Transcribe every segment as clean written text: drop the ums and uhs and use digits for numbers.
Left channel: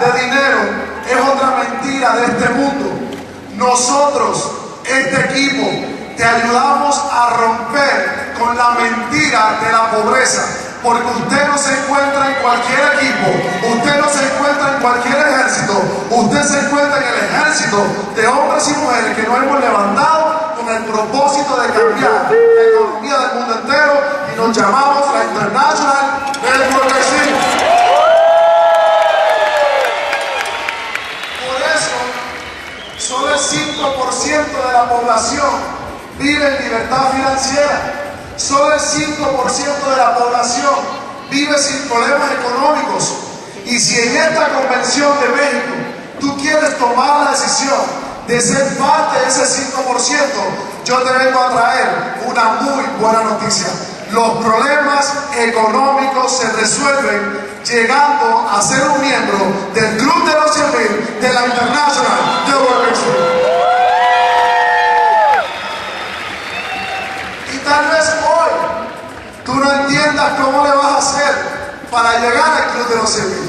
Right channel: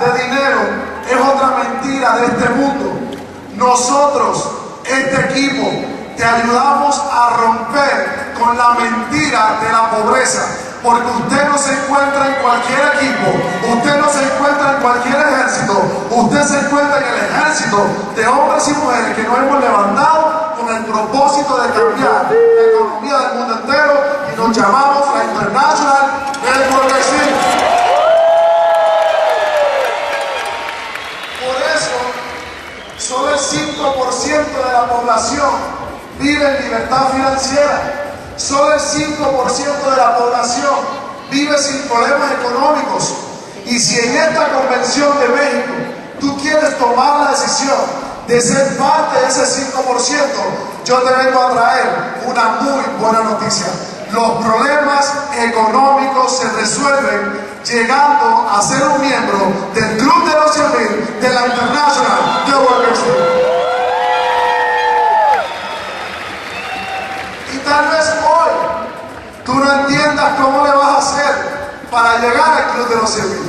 de dinero es otra mentira de este mundo. Nosotros, este equipo, te ayudamos a romper con la mentira de la pobreza, porque usted no se encuentra en cualquier equipo, usted no se encuentra en cualquier ejército, usted se encuentra en el ejército de hombres y mujeres que nos hemos levantado con el propósito de cambiar la economía del mundo entero, y nos llamamos la International Network Exchange. Por eso, solo el 5% de la población vive en libertad financiera. Solo el 5% de la población vive sin problemas económicos. Y si en esta convención de México tú quieres tomar la decisión de ser parte de ese 5%, yo te vengo a traer una muy buena noticia. Los problemas económicos se resuelven llegando a ser un miembro del Club de los 100,000 de la International Network Exchange. Tal vez hoy tú no entiendas cómo le vas a hacer para llegar al Club de los 100,000.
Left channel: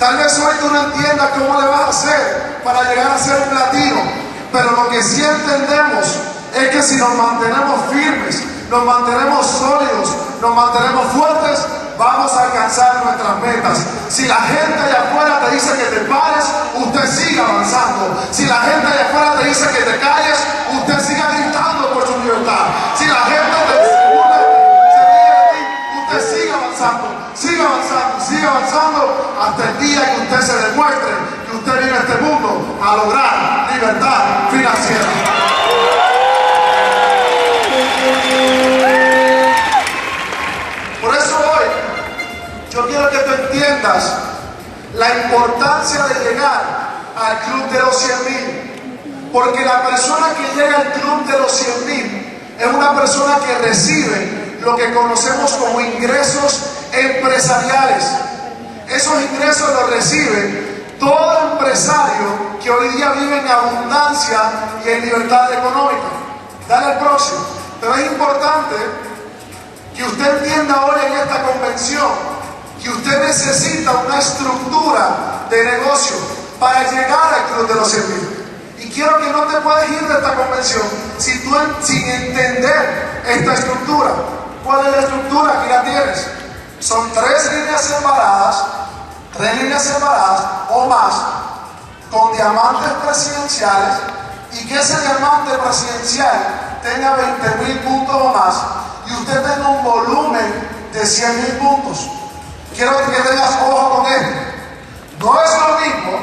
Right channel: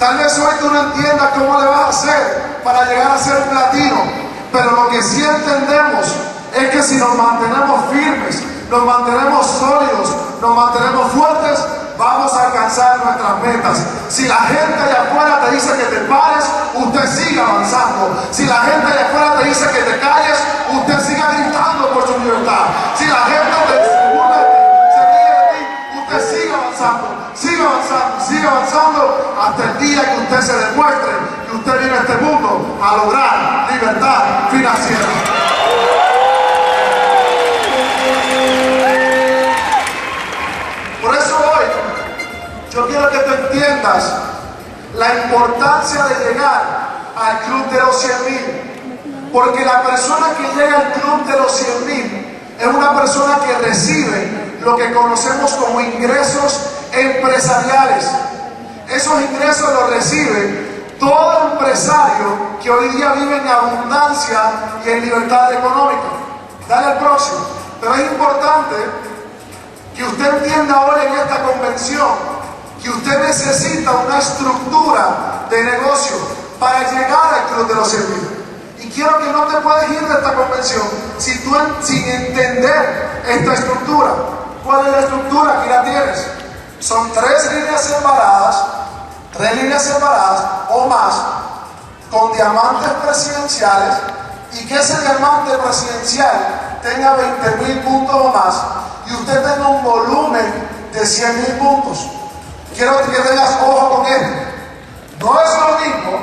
Tal vez hoy tú no entiendas cómo le vas a hacer para llegar a ser un platino. Pero lo que sí entendemos es que si nos mantenemos firmes, nos mantenemos sólidos, nos mantenemos fuertes, vamos a alcanzar nuestras metas. Si la gente allá afuera te dice que te pares, usted sigue avanzando. Si la gente allá afuera te dice que te calles, usted siga gritando por su libertad. Si la gente te burla de ti, se ríe de ti, usted sigue avanzando hasta el día que usted se demuestre que usted viene a este mundo a lograr libertad financiera. Por eso hoy yo quiero que tú entiendas la importancia de llegar al Club de los 100,000, porque la persona que llega al Club de los 100,000 es una persona que recibe lo que conocemos como ingresos empresariales. Esos ingresos los recibe todo empresario que hoy día vive en abundancia y en libertad económica. Dale al próximo. Pero es importante que usted entienda hoy en esta convención que usted necesita una estructura de negocio para llegar al Club de los 100,000. Y quiero que no te puedes ir de esta convención sin entender esta estructura. ¿Cuál es la estructura? Aquí la tienes. Son 3 líneas separadas o más, con diamantes presidenciales, y que ese diamante presidencial tenga 20,000 puntos o más, y usted tenga un volumen de 100,000 puntos. Quiero que tengas ojo con esto. No es lo mismo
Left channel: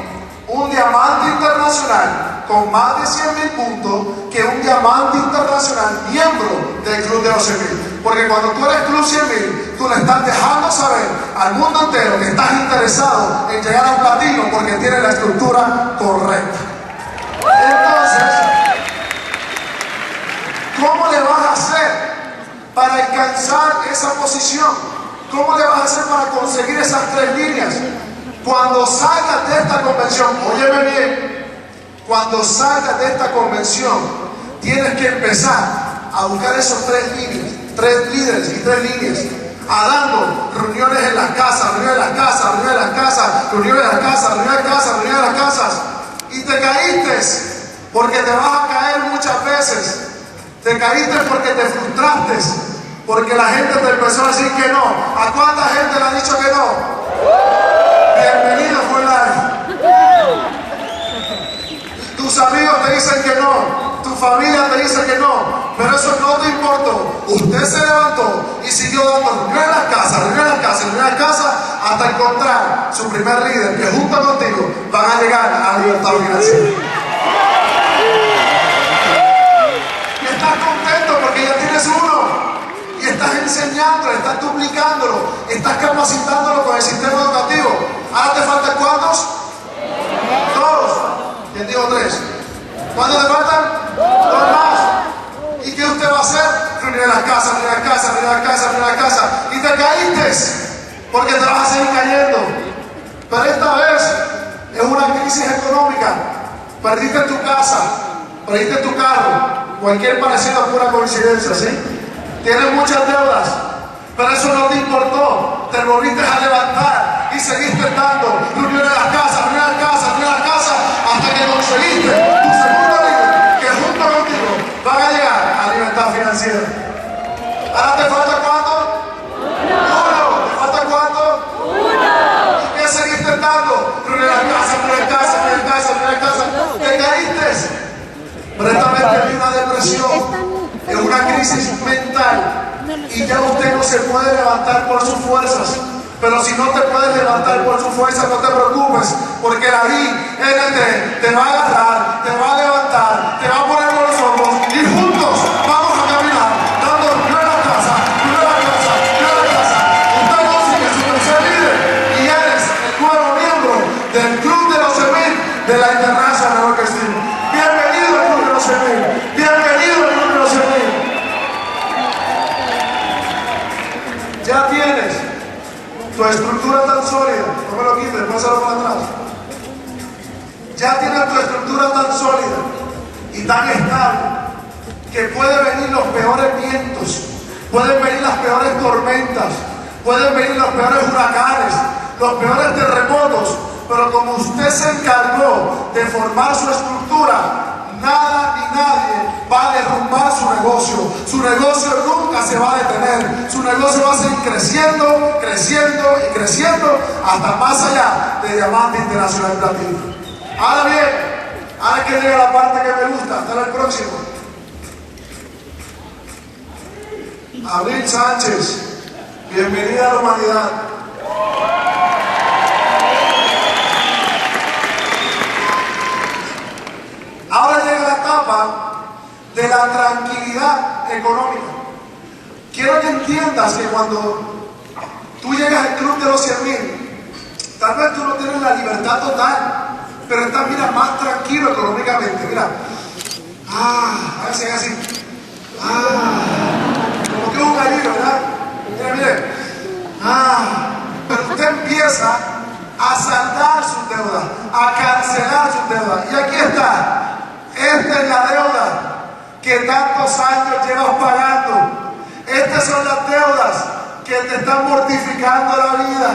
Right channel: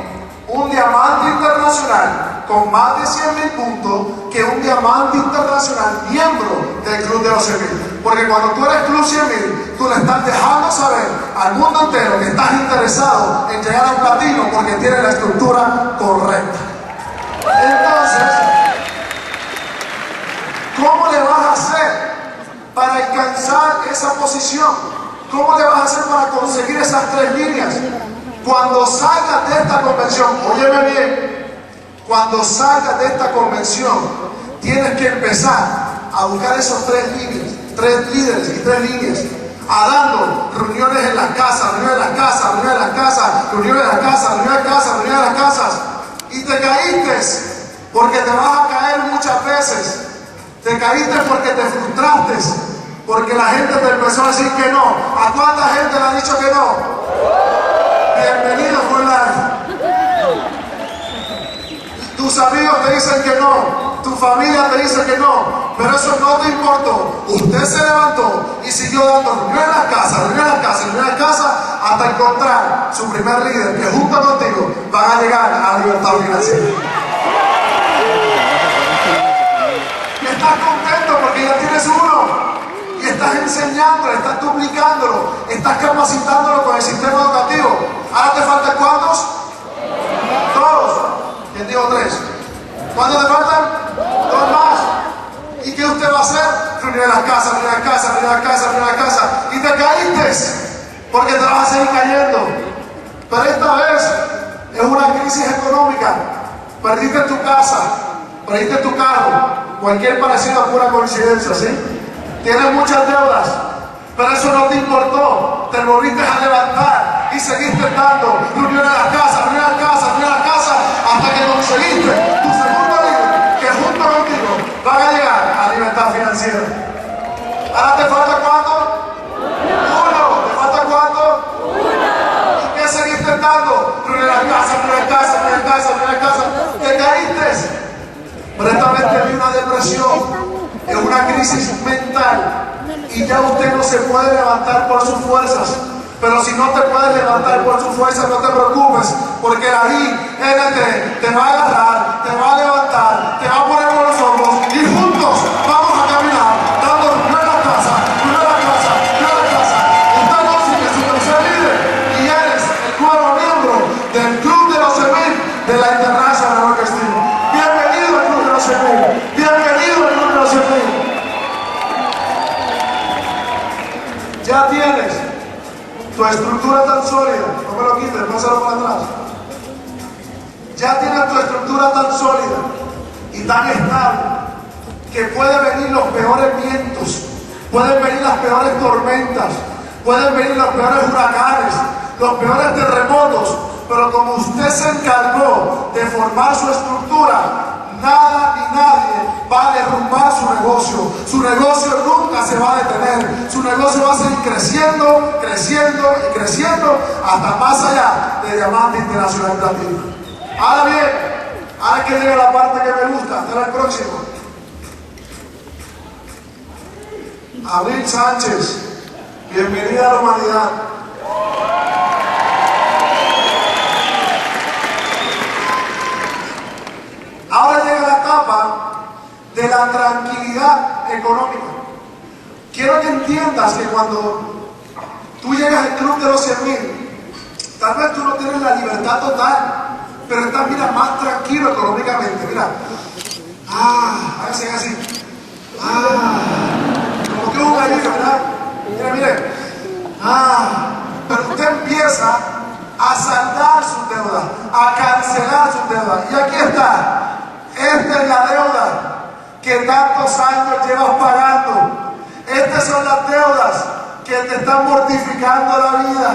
un diamante internacional con más de 100,000 puntos que un diamante internacional miembro del Club de los 100,000. Porque cuando tú eres Club 100,000, tú le estás dejando saber al mundo entero que estás interesado en llegar al platino porque tienes la estructura correcta. Entonces, ¿cómo le vas a hacer para alcanzar esa posición? ¿Cómo le vas a hacer para conseguir esas 3 líneas? Cuando salgas de esta convención, óyeme bien, cuando salgas de esta convención, tienes que empezar a buscar esos 3 líderes y 3 líneas, a dando reuniones en las casas, reuniones en las casas, reuniones en las casas, reuniones en las casas, reuniones en las casas, reuniones en las casas, y te caíste porque te vas a caer muchas veces. Te caíste porque te frustraste, porque la gente te empezó a decir que no. ¿A cuánta gente le ha dicho que no? Bienvenido fue tus amigos te dicen que no, tu familia te dice que no, pero eso no te importó. Usted se levantó y siguió dando reuniones en las casas, reuniones en las casas, reuniones en las casas, hasta encontrar su primer líder que junto contigo van a llegar a la libertad financiera. Estás contento porque ya tienes uno. Y estás enseñándolo, estás duplicándolo, estás capacitándolo con el sistema educativo. Ahora te faltan ¿cuántos? 2. ¿Quién dijo 3? ¿Cuántos te faltan? 2 más. ¿Y qué usted va a hacer? Reunir en las casas, reunir en las casas, reunir en las casas, reunir en las casas. Y te caíste porque te vas a seguir cayendo. Pero esta vez es una crisis económica. Perdiste tu casa, perdiste tu carro. Cualquier parecido a pura coincidencia, ¿sí? Tienes muchas deudas, pero eso no te importó. Te volviste a levantar y seguiste dando reuniones en las casas, reuniones que conseguiste tu segundo líder, que junto contigo van a llegar a libertad financiera. Ahora te falta ¿cuánto? Uno. ¿Te falta cuánto? Uno. ¿Y qué seguís intentando? Primera casa. ¿Te caíste? Pero esta vez te vi una depresión, es una crisis mental y ya usted no se puede levantar por sus fuerzas. Pero si no te puedes levantar por sus fuerzas, no te preocupes, porque la INT te va a agarrar, te va a levantar, te va a poner por los hombros y juntos vamos a caminar dando nueva casa. Usted consigue su tercer líder y eres el nuevo miembro del Club de los 100.000 de la International Rock Steel. Bienvenido al Club de los 100.000. Bienvenido al Club de los 100.000. Ya tienes tu estructura tan sólida, no me lo quites, pásalo para atrás. Ya tienes tu estructura tan sólida y tan estable que pueden venir los peores vientos, pueden venir las peores tormentas, pueden venir los peores huracanes, los peores terremotos, pero como usted se encargó de formar su estructura, nada ni nadie va a derrumbar su negocio. Su negocio nunca se va a detener. Su negocio va a seguir creciendo hasta más allá de Diamante Internacional Platino. Ahora bien, ahora que llega la parte que me gusta, hasta el próximo. Abril Sánchez, bienvenida a la humanidad. Ahora llega la etapa de la tranquilidad económica. Quiero que entiendas que cuando tú llegas al Club de los 100.000, tal vez tú no tienes la libertad total, pero estás, mira, más tranquilo económicamente. Mira, así, como que un gallito, ¿verdad? Mire, pero usted empieza a saldar sus deudas, a cancelar sus deudas. Y aquí está. Esta es la deuda que tantos años llevas pagando. Estas son las deudas que te están mortificando la vida.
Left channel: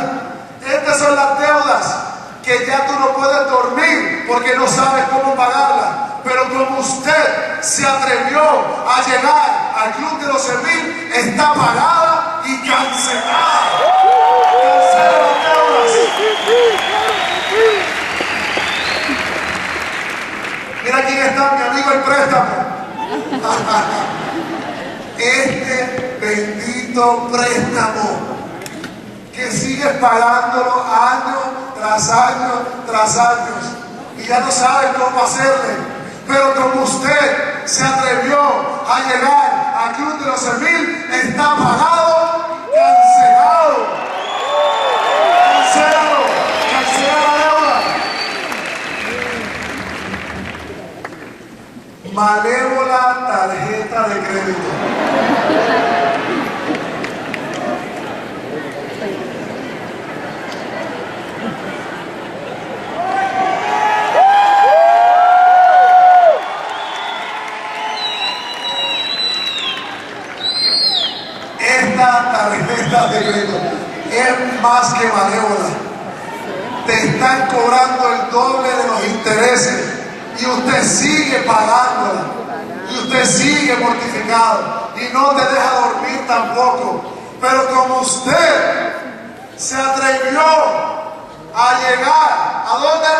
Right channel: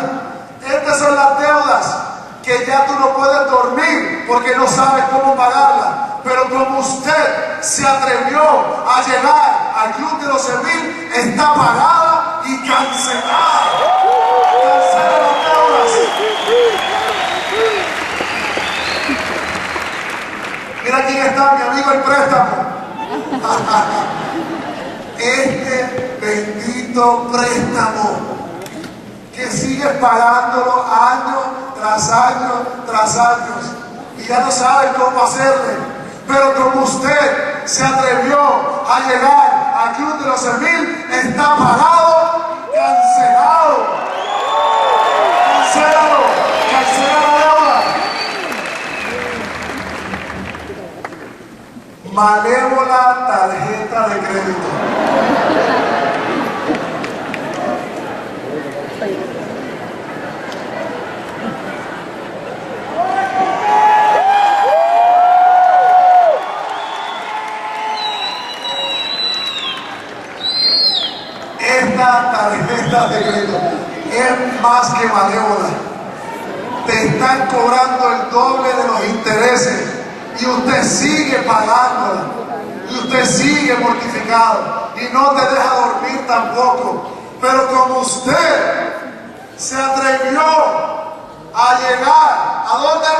Estas son las deudas que ya tú no puedes dormir porque no sabes cómo pagarlas. Pero como usted se atrevió a llegar al Club de los 100.000, está pagada y cancelada. Cancela las deudas. Mira quién está, mi amigo el préstamo. Este bendito préstamo que sigues pagándolo año tras año y ya no sabes cómo hacerle. Pero como usted se atrevió a llegar al Club de los 100.000, está pagado y cancelado. Cancela la deuda. Malévola tarjeta de crédito. Esta tarjeta de crédito es más que malévola. Te están cobrando el doble de los intereses. Y usted sigue pagándola, y usted sigue mortificado, y no te deja dormir tampoco. Pero como usted se atrevió a llegar, ¿a dónde?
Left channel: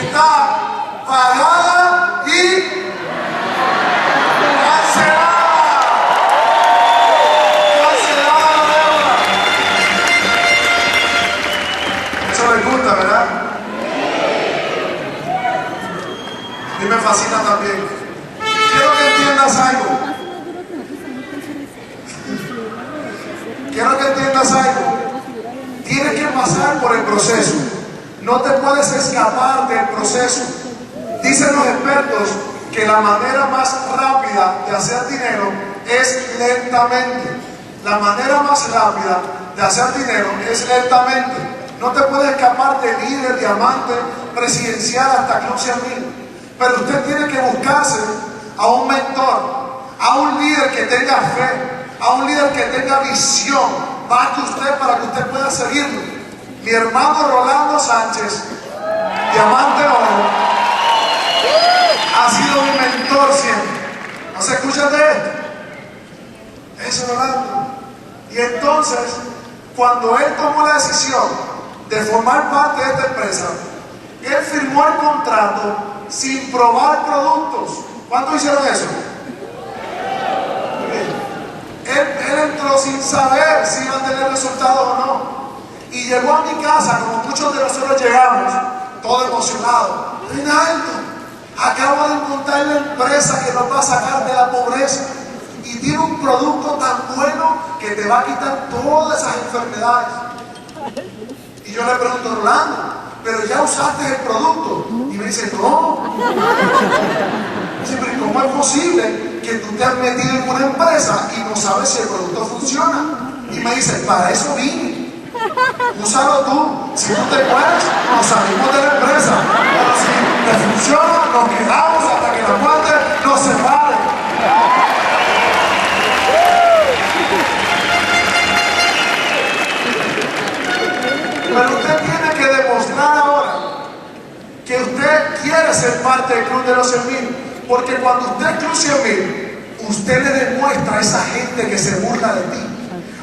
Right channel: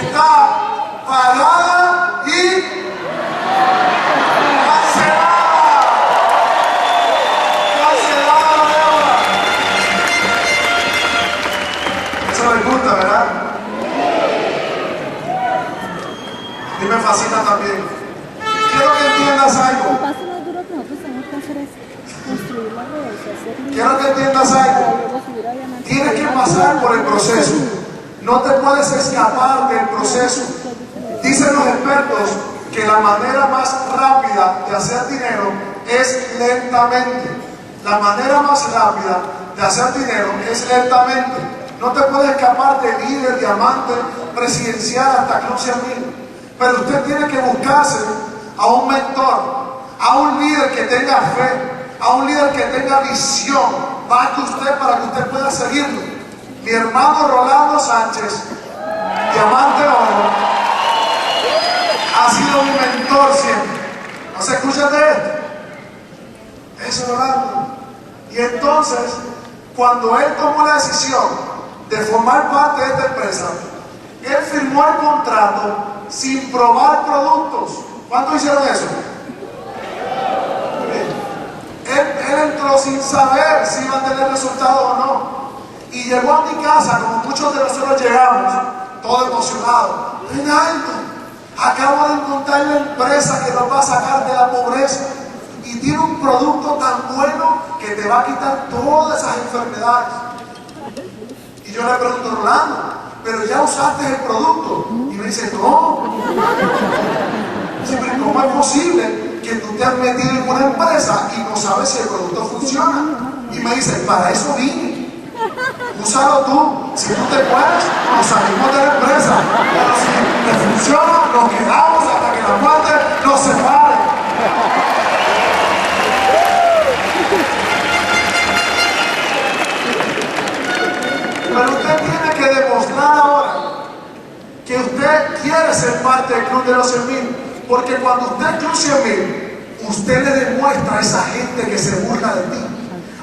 Está pagada y cancelada la deuda. Eso les gusta, ¿verdad? Y me fascina también. Quiero que entiendas algo. Quiero que entiendas algo. Tienes que pasar por el proceso. No te puedes escapar del proceso. Dicen los expertos que la manera más rápida de hacer dinero es lentamente. La manera más rápida de hacer dinero es lentamente. No te puedes escapar de líder, diamante, presidencial hasta Club 100.000. Pero usted tiene que buscarse a un mentor, a un líder que tenga fe, a un líder que tenga visión, más que usted para que usted pueda seguirlo. Mi hermano Rolando Sánchez Diamante Oro, ha sido mi mentor siempre. ¿No se escucha de esto? Eso es Orlando. Y entonces, cuando él tomó la decisión de formar parte de esta empresa, él firmó el contrato sin probar productos. ¿Cuántos hicieron eso? Él entró sin saber si iba a tener resultados o no. Y llegó a mi casa, como muchos de nosotros llegamos, todo emocionado. Reinaldo, acabo de encontrar la empresa que nos va a sacar de la pobreza. Y tiene un producto tan bueno que te va a quitar todas esas enfermedades. Y yo le pregunto, Rolando, ¿pero ya usaste el producto? Y me dice, no. Siempre, ¿cómo es posible que tú te has metido en una empresa y no sabes si el producto funciona? Y me dice, para eso vine. Úsalo tú. Si tú te puedes, nos salimos de la empresa. Pero si te funciona, nos quedamos hasta que la muerte nos separe. Pero usted tiene que demostrar ahora que usted quiere ser parte del Club de los 100,000. Porque cuando usted es Club 100,000, usted le demuestra a esa gente que se burla de ti.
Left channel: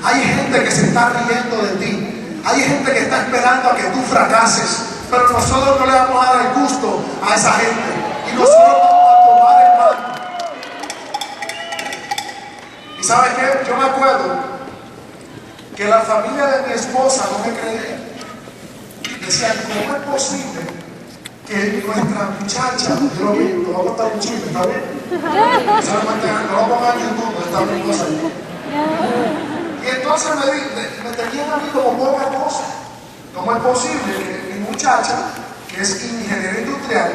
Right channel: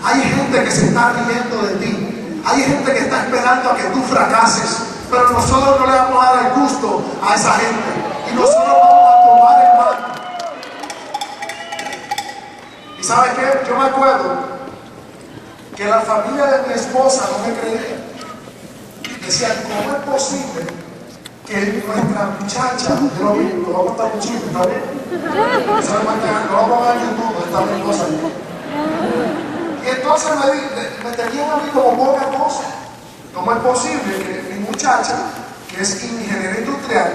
Hay gente que se está riendo de ti. Hay gente que está esperando a que tú fracases. Pero nosotros no le vamos a dar el gusto a esa gente. Y nosotros vamos a tomar el mando. ¿Y sabes qué? Yo me acuerdo que la familia de mi esposa no me creía. Decían, ¿cómo es posible que nuestra muchacha, yo lo vamos a estar un chiste, ¿está bien? No lo pongan en YouTube, está bien cosa. Y entonces me tenían a mí como poca cosa. ¿Cómo es posible que mi muchacha, que es ingeniera industrial,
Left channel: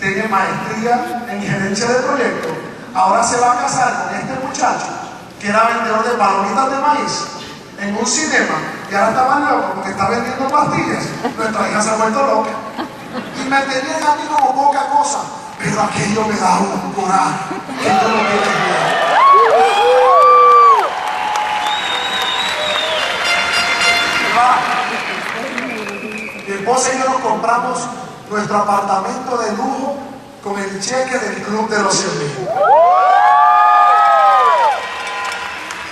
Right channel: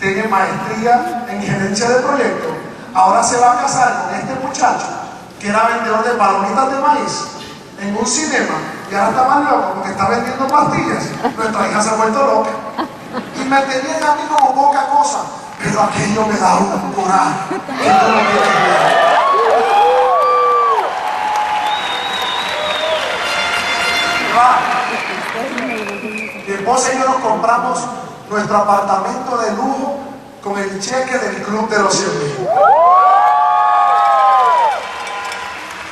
tiene maestría en gerencia de proyectos, ahora se va a casar con este muchacho, que era vendedor de palomitas de maíz, en un cinema, y ahora está más loco porque está vendiendo pastillas? Nuestra hija se ha vuelto loca. Y me tenían a mí como poca cosa, pero aquello me da un coraje que tú no quieres ver. Mi esposa y yo nos compramos nuestro apartamento de lujo con el cheque del Club de los 100,000.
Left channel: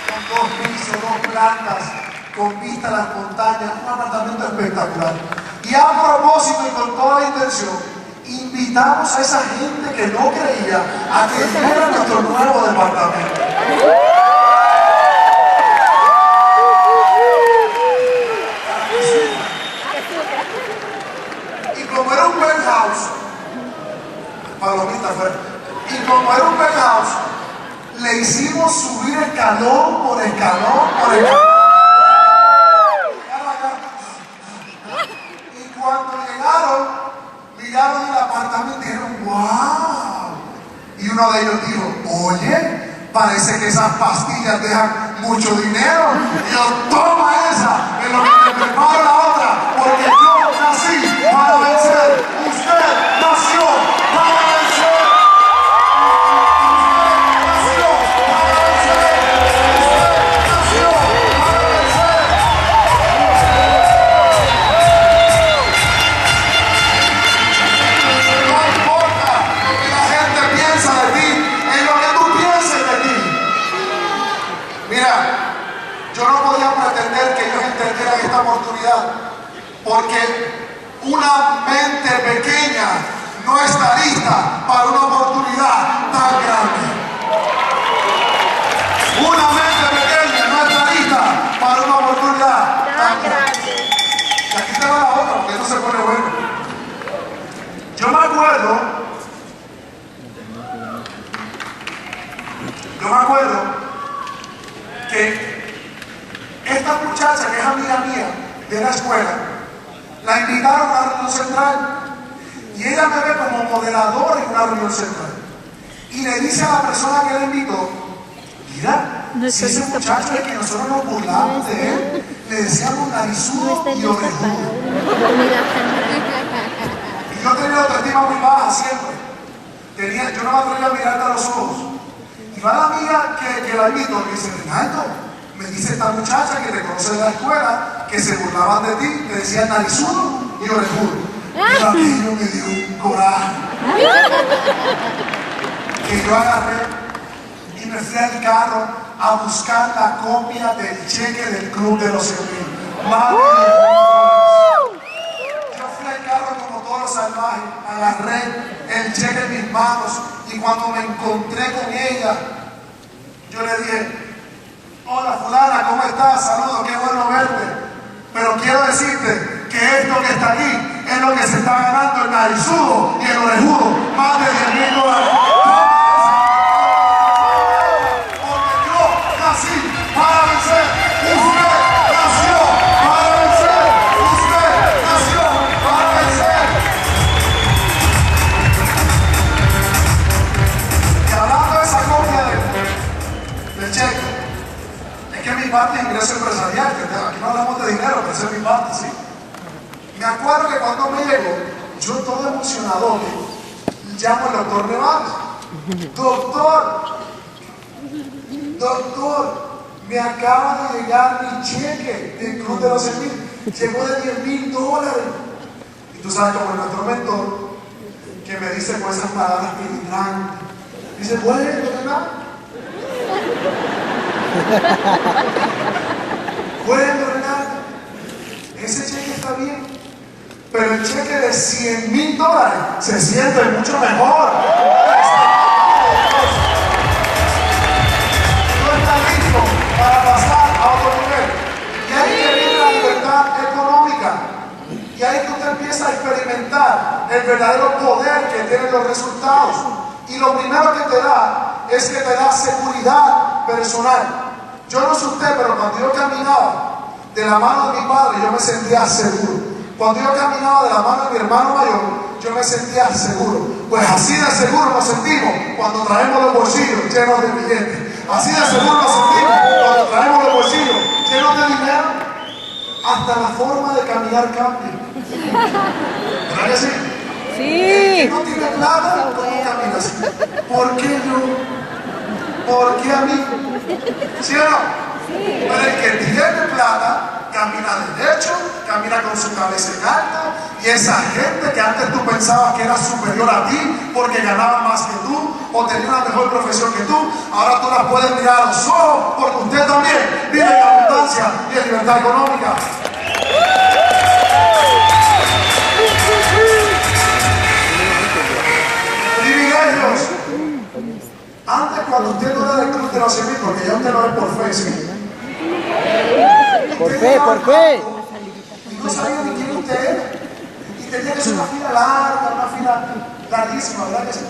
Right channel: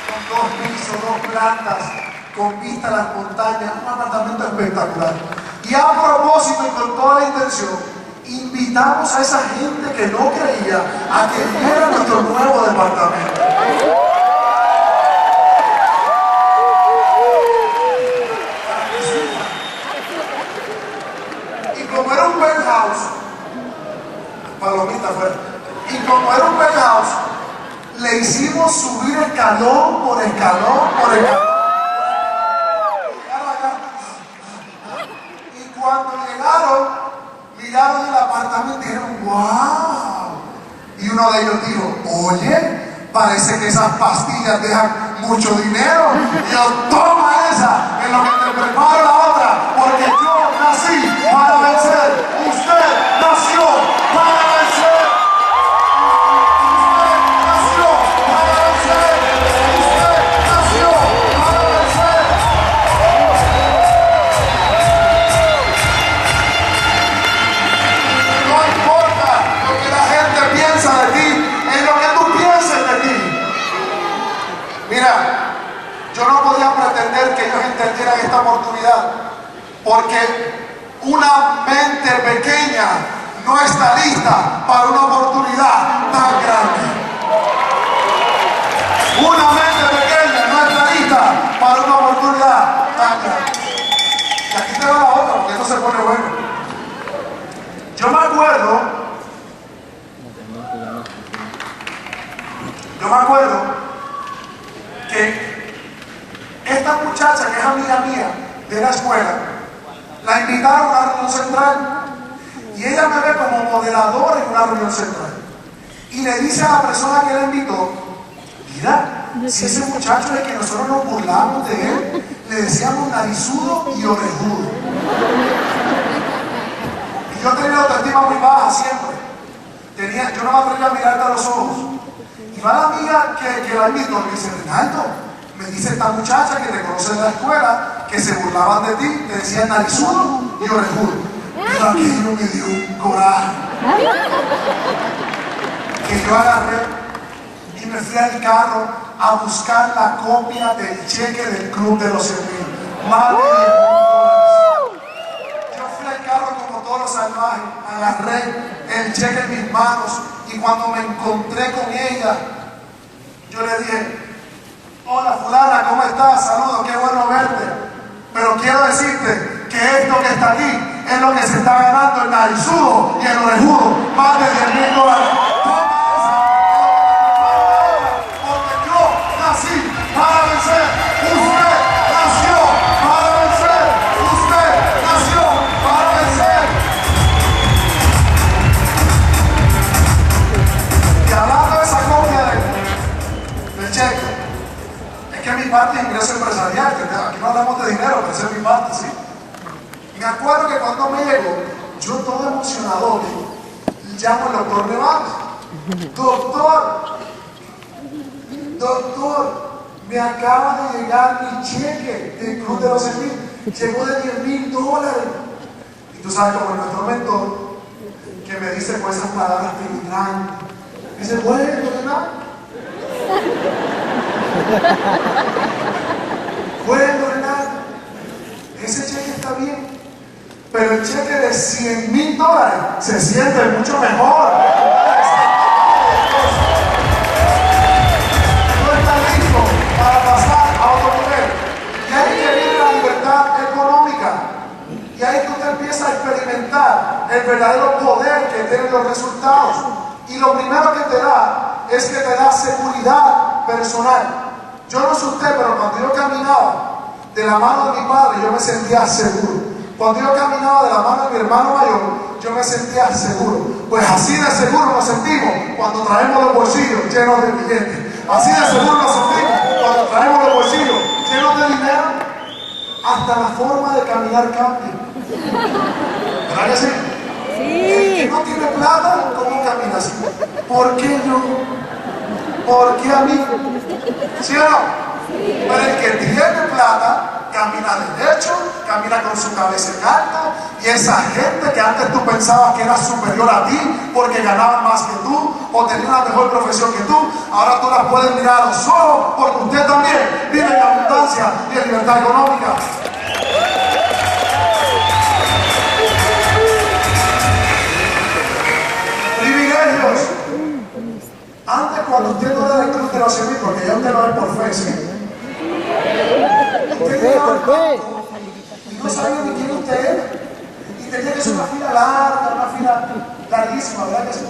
Con 2 pisos, 2 plantas, con vista a las montañas, un apartamento espectacular. Y a propósito y con toda la intención, invitamos a esa gente que no creía a que viera nuestro nuevo departamento. Y como era un penthouse, palomita fuera, y como era un penthouse, le hicimos subir escalón por escalón por escalón. Y cuando llegaron, miraron el apartamento y dijeron, ¡wow! Y uno de ellos dijo, oye, parece que esas pastillas dejan mucho dinero. Y yo, toma esa, en lo que te preparo la otra, porque yo nací para vencer. Usted nació para vencer. Usted nació para vencer. Usted nació para vencer. No importa lo que la gente piensa de ti, es lo que tú pienses de ti. Mira, yo no podía pretender que ellos entendieran esta oportunidad, porque una mente pequeña no está lista para una oportunidad tan grande. Una mente pequeña no está lista para una oportunidad tan grande. Y aquí te va la otra, porque esto se pone bueno. Yo me acuerdo que esta muchacha, que es amiga mía de la escuela, la invitaron a la reunión central y ella me ve como moderador en una reunión central y le dice a la persona que la invitó, mira, si ese muchacho es el que nosotros nos burlamos de él, le decíamos narizudo y orejudo. Y yo tenía la autoestima muy baja siempre. Yo no me atrevía a mirarte a los ojos. Y va la amiga que la invitó y me dice, Reinaldo, me dice esta muchacha que te conoce de la escuela, que se burlaban de ti, te decían narizudo y orejudo. Y Pero aquello me dio un coraje. Que yo agarré y me fui al carro a buscar la copia del cheque del club de los 100.000. Más de 10.000 dólares. Yo fui al carro como toro salvaje, agarré el cheque en mis manos y cuando me encontré con ella, yo le dije: hola fulana, ¿cómo estás? Saludos, qué bueno verte. Pero quiero decirte que esto que está aquí es lo que se está ganando el narizudo y el orejudo, más de 10.000 dólares. Porque yo nací para vencer, usted nació para vencer, usted nació para vencer. Y hablando de esa copia del cheque, es que mi parte es ingreso empresarial, que aquí no hablamos de dinero, pero esa es mi parte, ¿sí? Me acuerdo que cuando me llegó, yo todo emocionado, llamo al doctor Nevares. Doctor, me acaba de llegar mi cheque del club de los 100.000, llegó de 10.000 dólares. Y tú sabes como nuestro mentor, que me dice con esas palabras penetrantes, dice: bueno, ¿verdad? Bueno, Renato, ese cheque está bien, pero el cheque de 100.000 dólares se siente mucho mejor. No está listo para pasar a otro nivel. Y ahí que viene la libertad económica. Y ahí que usted empieza a experimentar el verdadero poder que tienen los resultados. Y lo primero que te da es que te da seguridad personal. Yo no sé usted, pero cuando yo caminaba de la mano de mi padre, yo me sentía seguro. Cuando yo caminaba de la mano de mi hermano mayor, yo me sentía seguro. Pues así de seguro nos sentimos cuando traemos los bolsillos llenos de billetes. Así de seguro nos sentimos cuando traemos los bolsillos llenos de dinero. Hasta la forma de caminar cambia. ¿Verdad que sí? Sí. El que no tiene plata, ¿cómo camina así? ¿Por qué yo? ¿Por qué a mí? ¿Sí o no? Sí. Pero el que tiene plata camina derecho, camina con su cabeza en alto, y esa gente que antes tú pensabas que era superior a ti porque ganaban más que tú o tenían una mejor profesión que tú, ahora tú las puedes mirar a los ojos porque usted también vive en abundancia y en libertad económica. Privilegios. Antes, cuando usted no era del club de los 100.000, porque ya usted no es por fe, ¿sí? Por fe. Y no sabía ni quién usted era. Y tenía que ser una fila larga, una fila larguísima, ¿verdad que sí?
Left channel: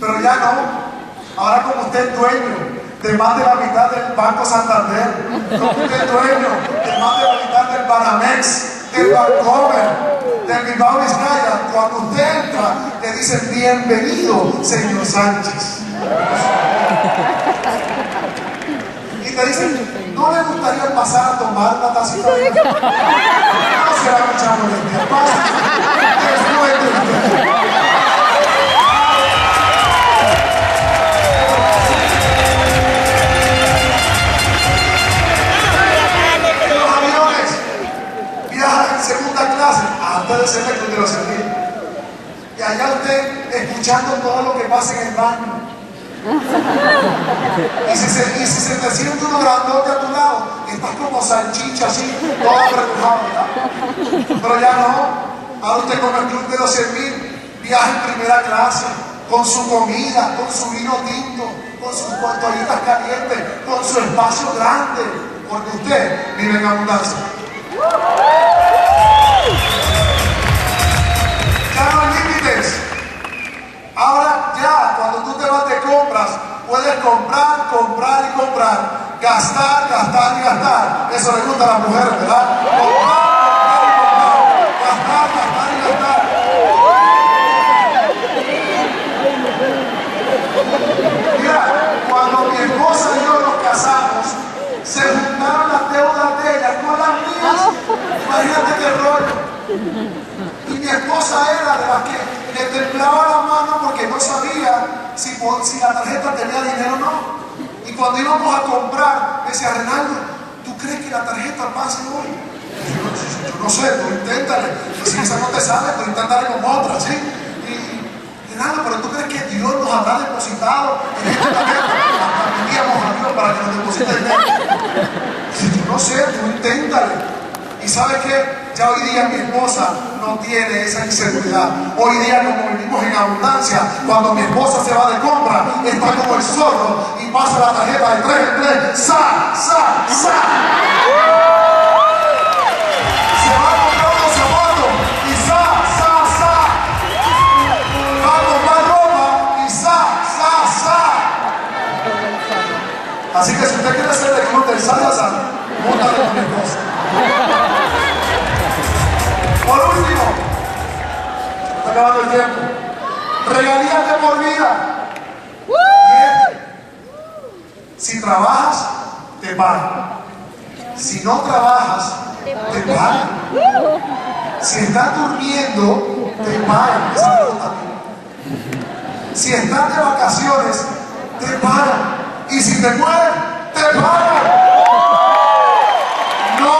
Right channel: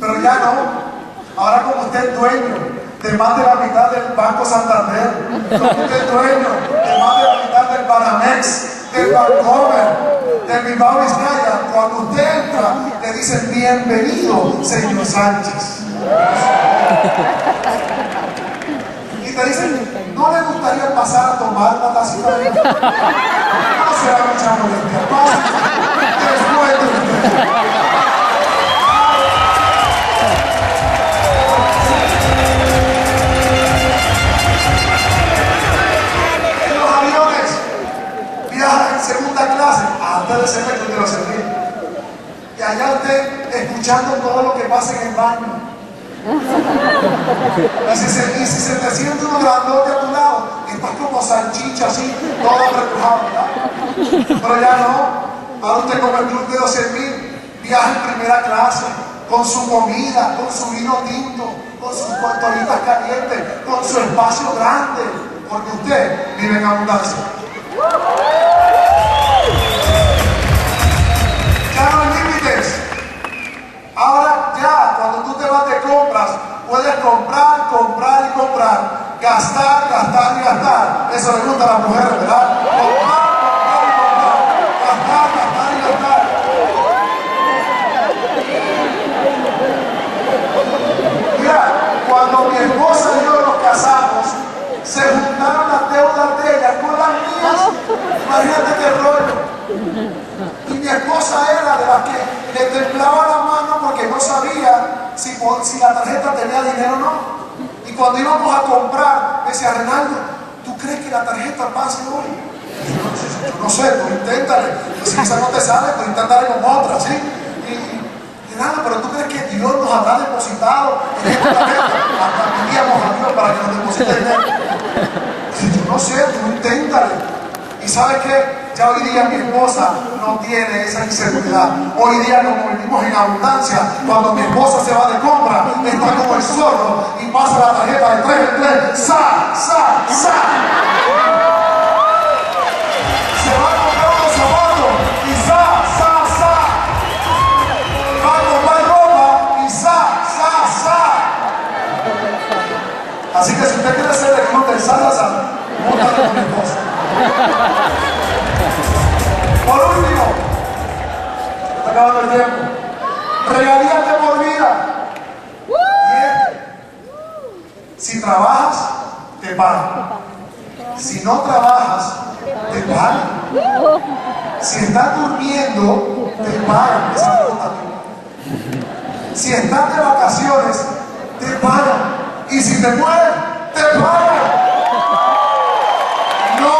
Pero ya no. Ahora como usted es dueño de más de la mitad del Banco Santander, como usted es dueño de más de la mitad del Banamex, del Bancomer, del Bilbao Vizcaya, cuando usted entra, le dicen: bienvenido, señor Sánchez. Y te dicen: ¿no le gustaría pasar a tomar una tacita de café? No será mucha molestia. Pasa después de usted. En los aviones viaja en segunda clase antes de ser el club de los 100.000. Y allá usted escuchando todo lo que pasa en el baño. Y si se te siente uno grandote a tu lado, estás como salchicha así, todo repujado, ¿verdad? Pero ya no. Ahora usted como el club de los 100.000 viaja en primera clase, con su comida, con su vino tinto, con sus tortillitas calientes, con su espacio grande, porque usted vive en abundancia. Ya no hay límites. Ahora ya, cuando tú te vas de compras, puedes comprar, comprar y comprar, gastar, gastar y gastar. Eso le gusta a las mujeres, ¿verdad? Comprar, comprar y comprar, gastar, gastar y gastar. Mira, cuando mi esposa y yo nos casamos, se juntaron las deudas de ella con las mías. Imagínate qué rollo. Y mi esposa era de las que le temblaba la mano porque no sabía si la tarjeta tenía dinero o no. Y cuando íbamos a comprar, me decía: Reinaldo, ¿tú crees que la tarjeta pase hoy? yo no sé, tú inténtale. Y si esa no te sale, pues inténtale con otra, ¿sí? Y nada, pero tú crees que Dios nos habrá depositado en esta tarjeta. Admitíamos a Dios para que nos deposite dinero. Si yo no sé, tú inténtale. Y ¿sabes qué? Ya hoy día mi esposa no tiene esa inseguridad. Hoy día, como vivimos en abundancia, cuando mi esposa se va de compra, está como el zorro y pasa la tarjeta de 3 en 3, ¡sa, sa, sa! Se va a comprar unos zapatos y ¡sa, sa, sa! Va a comprar ropa y ¡sa, sa, sa! Así que si usted quiere ser el club del sa, sa, sa, móntale con mi esposa. Por último, está acabando el tiempo. Regalías de por vida. Si trabajas, te pagan. Si no trabajas, te pagan. Si estás durmiendo, te pagan. Esa me gusta a mí. Si estás de vacaciones, te pagan. Y si te mueres, te pagan. No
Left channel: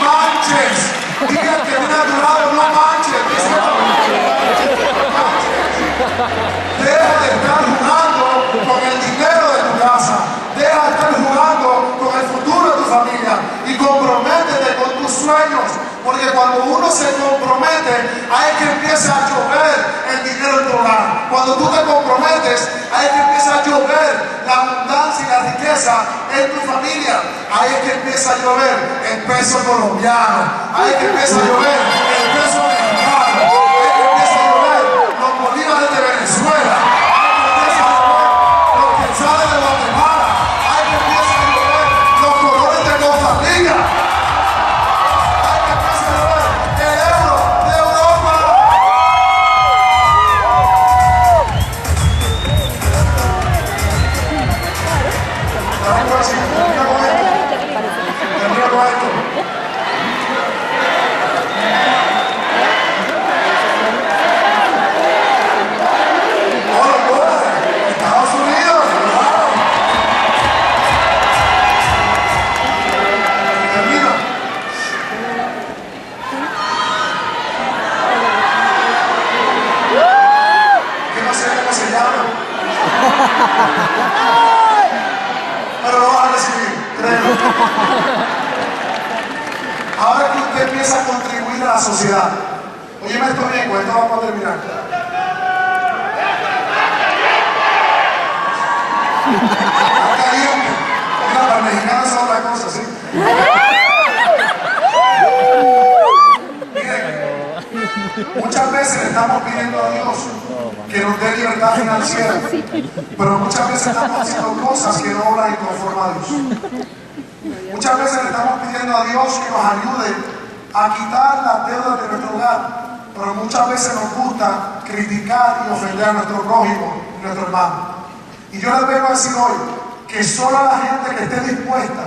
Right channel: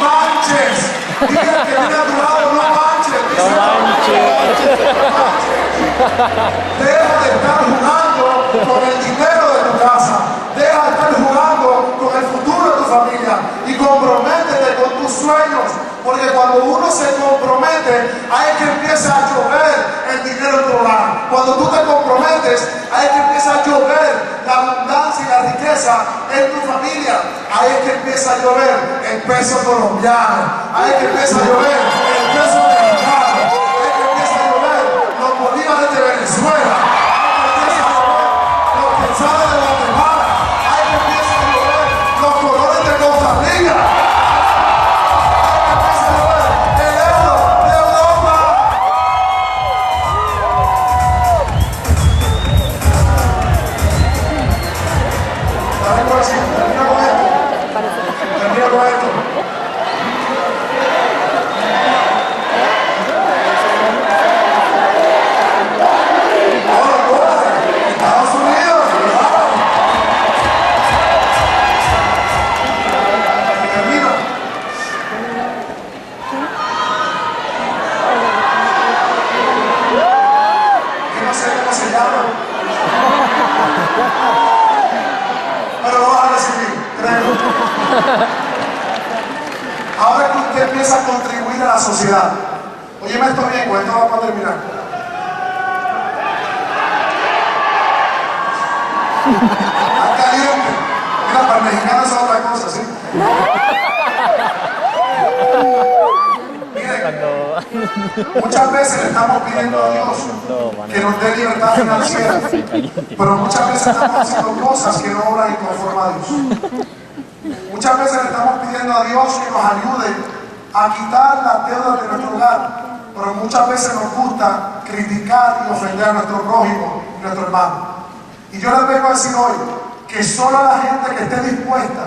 manches. Diga que viene a tu lado, no manches. Deja de estar jugando con el dinero de tu casa. Deja de estar jugando con el futuro de tu familia. Y comprométete con tus sueños. Porque cuando uno se compromete, ahí es que empieza a llover el dinero en tu hogar. Cuando tú te comprometes, ahí es que empieza a llover la abundancia y la riqueza en tu familia. Ahí es que empieza a llover el peso colombiano. Ahí es que empieza a llover el peso mexicano. Ahí es que empieza a llover los bolívares de Venezuela. Ahí es que empieza a llover los quetzales de Guatemala. Ahí es que empieza a llover los colores de Costa Rica. Pero lo vas a recibir, créelo. Ahora que usted empieza a contribuir a la sociedad, óyeme esto bien, pues esto vamos a terminar. Está caliente. Mira, para el mexicano es otra cosa, ¿sí? Miren, muchas veces le estamos pidiendo a Dios que nos dé libertad financiera, pero muchas veces estamos haciendo cosas que no obran conforme a Dios. Muchas veces le estamos pidiendo a Dios que nos ayude a quitar las deudas de nuestro hogar, pero muchas veces nos gusta criticar y ofender a nuestro prójimo y nuestro hermano. Y yo les vengo a decir hoy que solo la gente que esté dispuesta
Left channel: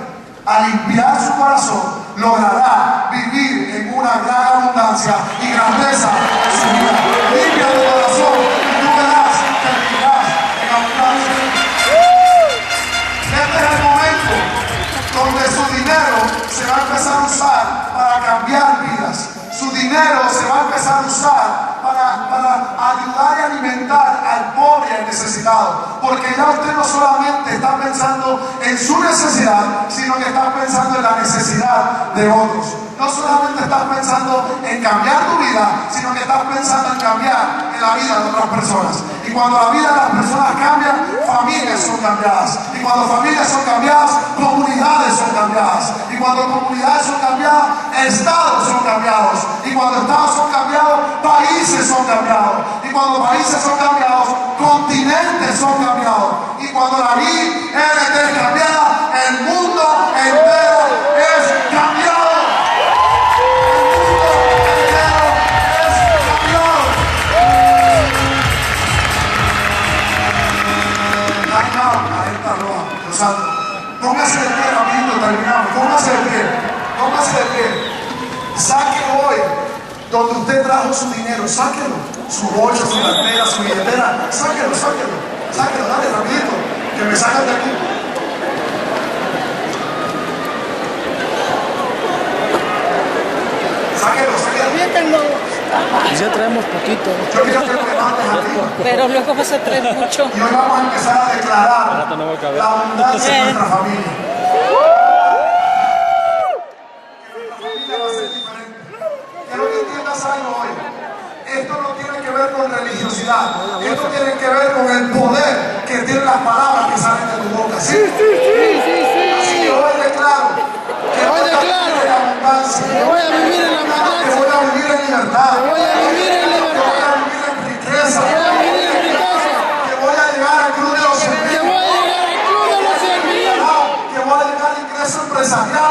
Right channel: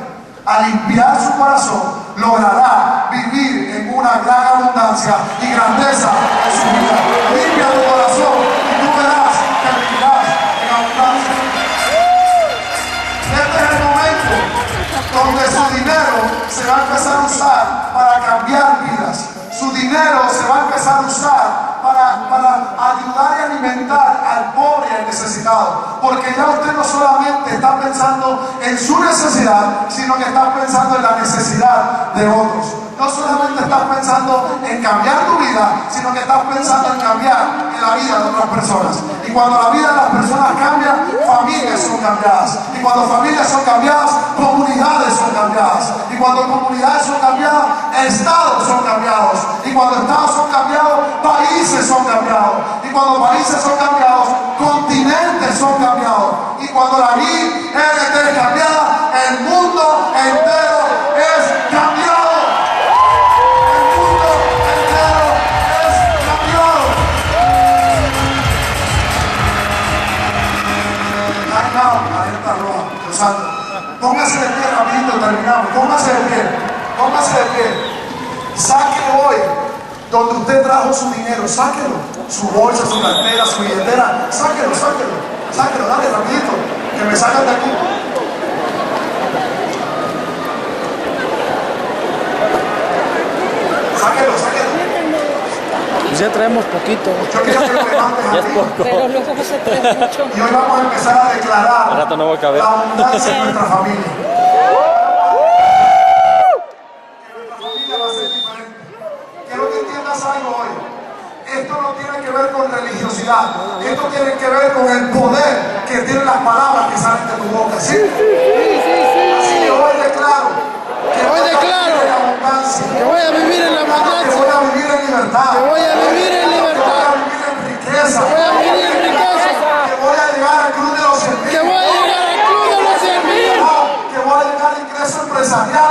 a limpiar su corazón logrará vivir en una gran abundancia y grandeza en su vida. Limpia tu corazón y tú verás que vivirás en abundancia. Este es el momento donde su dinero se va a empezar a usar para cambiar vidas. Su dinero se va a empezar a usar para ayudar y alimentar al pobre y al necesitado. Porque ya usted no solamente está pensando en su necesidad, sino que está pensando en la necesidad de otros. No solamente estás pensando en cambiar tu vida, sino que estás pensando en cambiar en la vida de otras personas. Y cuando la vida de las personas cambia, familias son cambiadas. Y cuando familias son cambiadas, comunidades son cambiadas. Y cuando comunidades son cambiadas, estados son cambiados. Y cuando estados son cambiados, países son cambiados. Y cuando países son cambiados, continentes son cambiados. Y cuando la ILT es cambiada, el mundo entero es cambiado. Alerta roja, cruzando. Póngase de pie rapidito, terminamos. Póngase de pie, póngase de pie. Sáquelo hoy, donde usted trajo su dinero, sáquelo. Su bolsa, su cartera, su billetera, sáquelo, sáquelo. Sáquelo, dale rapidito, que me sacan de aquí. Pues ya traemos poquito. Yo quiero que lo levantes arriba. Pero luego se trae mucho. Y hoy vamos a empezar a declarar Al rato no voy a caber. la abundancia en nuestra familia. Nuestra familia va a ser diferente. Quiero que entiendas algo hoy. Esto no tiene que ver con religiosidad. Esto tiene que ver con el poder que tienen las palabras que salen de tu boca. ¿Sí? Así que hoy declaro que voy a vivir en abundancia. Que voy a vivir en la Que abundancia. voy a vivir en libertad. Que voy a vivir en Que voy libertad. a vivir en riqueza. Que voy a vivir en riqueza. Que voy a llegar al club de los 100.000. Que voy a llegar al club de los 100.000. Que voy a llegar al ingreso empresarial.